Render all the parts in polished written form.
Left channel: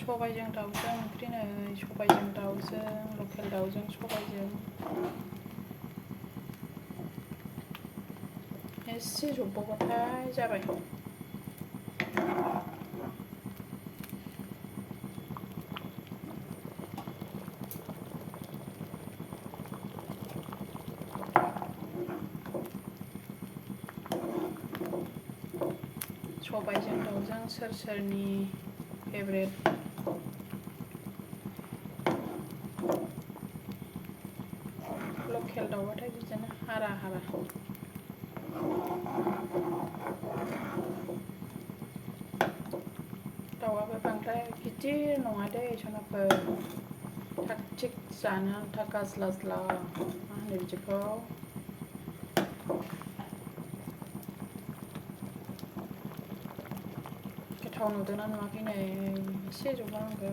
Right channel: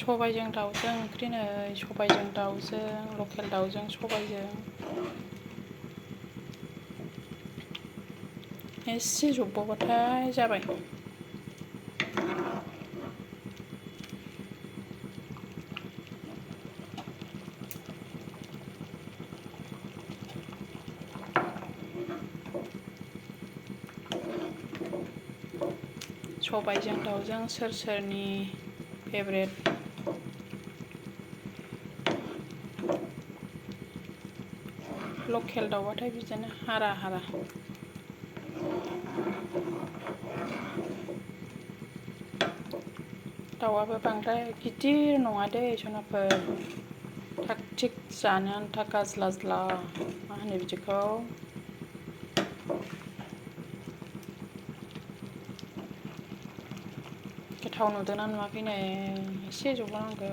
सबायजों दाउजों ओंख्रि नै सबायजों दाउजों लकेल दाउजों सबायजों एसे जबबावबाथाय जाबाय। सबायजों दाउजों सोर सोरनि फेभरेट? लकेल दाउबाथाय बिदिनो हारा हारा दाउआबो बांद्राय गिदिर नङा दै सनाफोर, थाग थिग जानो आन्था गाज्लाज्ला मा होनो बिदिखौ गोथाव नुदोंना नुवाखैनो एसे जबावनांगौ।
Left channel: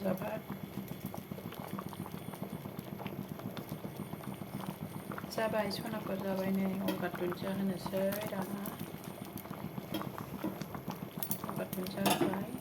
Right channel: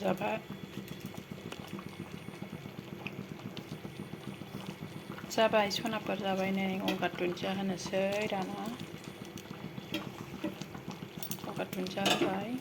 जाबाय जाबाय सनाफोर जाबाय नै गंगार दुन्दिया होनोसै दाना गंगार दुन्दिया होबाय।